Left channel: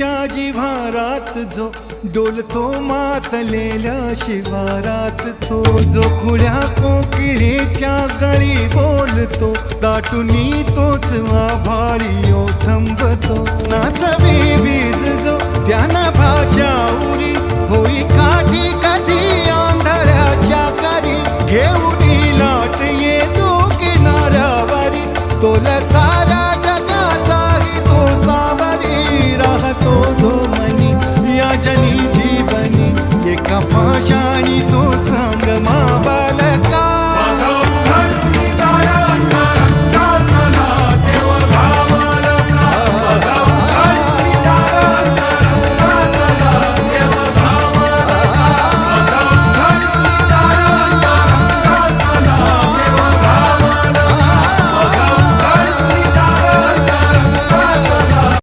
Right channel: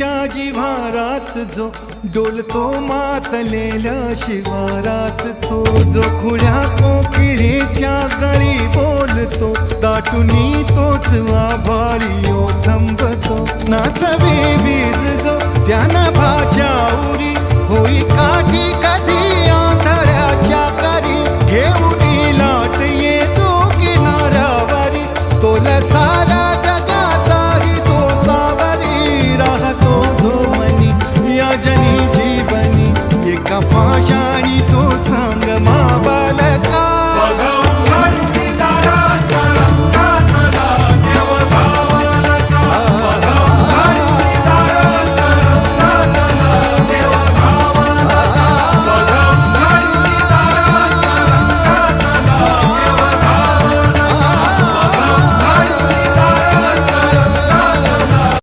नदीच्या जिव्हारात जो डोलतो मातलेल्या शिवारात, तो जो खुल्या कोकिळेच्या गळी बोलतो, दाटुनी तोच आभाळी थांबतो. नाचवी वीज जो त्या नभाच्या उरी, होई काठी कधी आंधळ्याच्या करी, घेऊनी लाट ये जो किनाऱ्यावरी, तोला सारा जगाचाही तो सावरी, राहतो धोमनी या जनी जीवनी, एका पाशाणी तो सांग मा बालक